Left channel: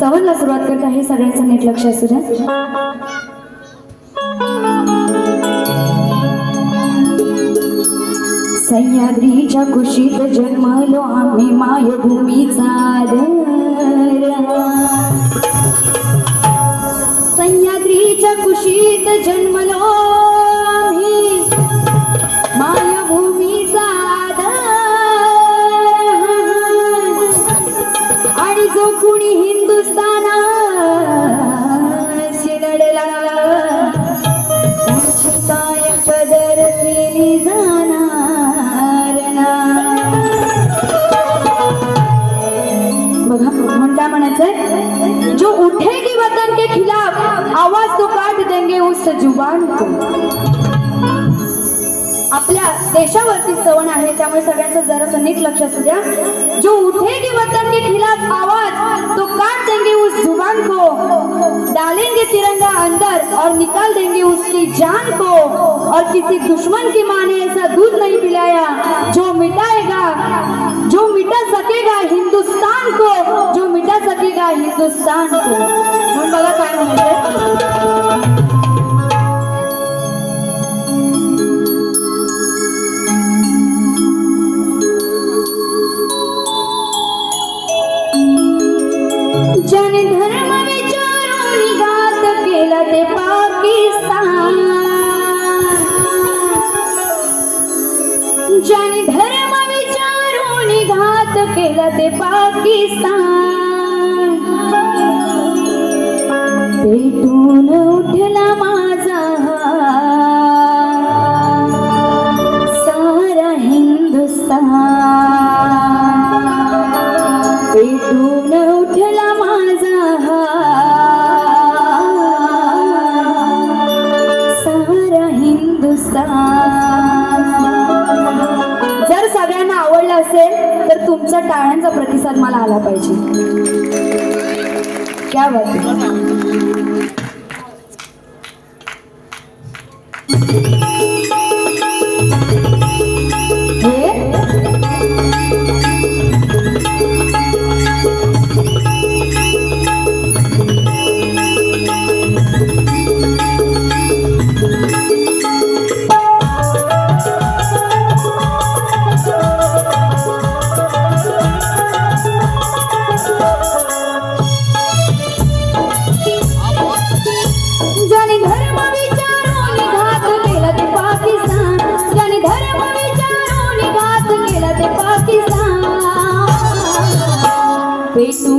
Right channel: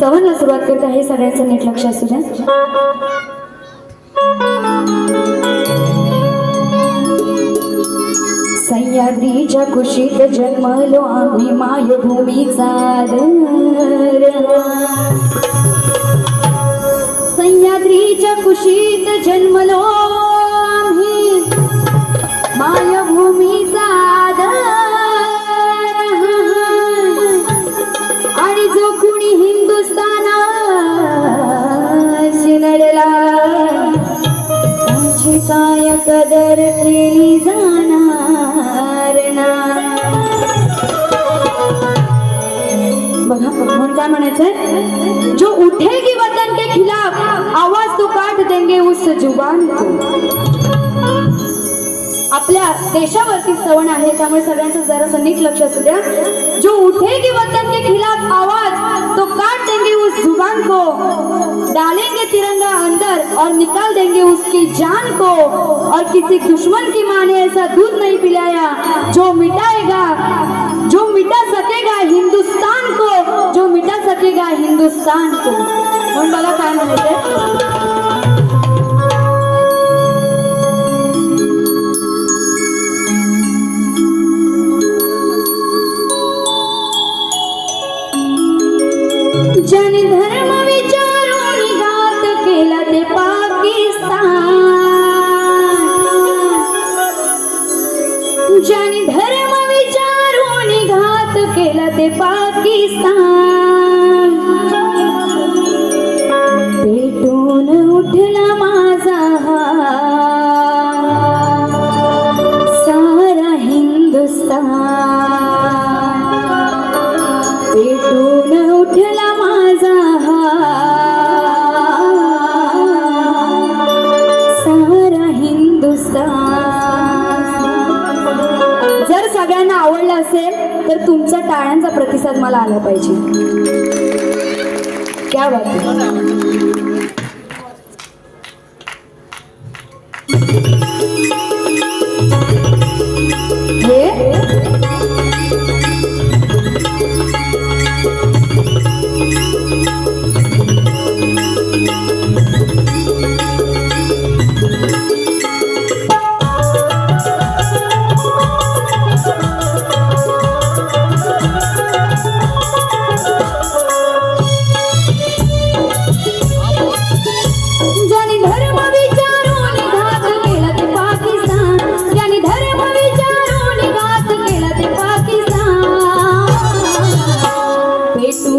सवनला सुरुवात करत आहे. सगळ्यांचं नीट लक्ष असू द्या. सह्याद्रीच्या कुशीत जन्मलो आम्ही मायभूमीचा आदर म्हणून जो उठेगी वतन के खिलाफ आवाज तो काट देंगे उस जुबान को। आपल्या देशावरती सवण आहे त्यामुळे सगळ्यांचं जरा नीट लक्ष असू द्या. जो उठेगी वतन के खिलाफ आवाज तो काट देंगे उस जुबान को। डालेंगे तिरंगा अंदर और निकाल देंगे उसकी जान को। और किसी दुश्मन की माँ ने ऐसा दूध नहीं पिलाया जो मिटाएगा जो मिटा सकेगा हिंदुस्तान को जो मिटा सकेगा हिंदुस्तान को म्हणून बघा काय म्हणायचंय? ज्याने धर्म विचारून घात केला ते पाकिस्तान. ज्याने धर्म विचारून घात केला ते पाकिस्तान. क्या बात है?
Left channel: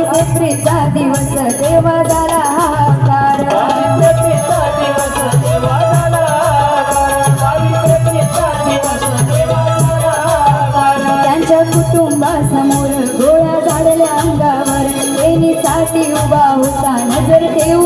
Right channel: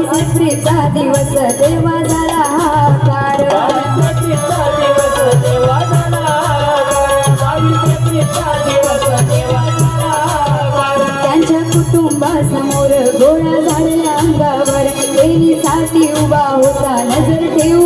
एप्रिलचा दिवस तेव्हा झाला हाकार त्यांच्या कुटुंबासमोर गोळ्या झाडल्या अंगावर. प्रेमीसाठी उभा होता नजर ठेवून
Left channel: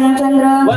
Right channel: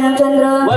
no tendrán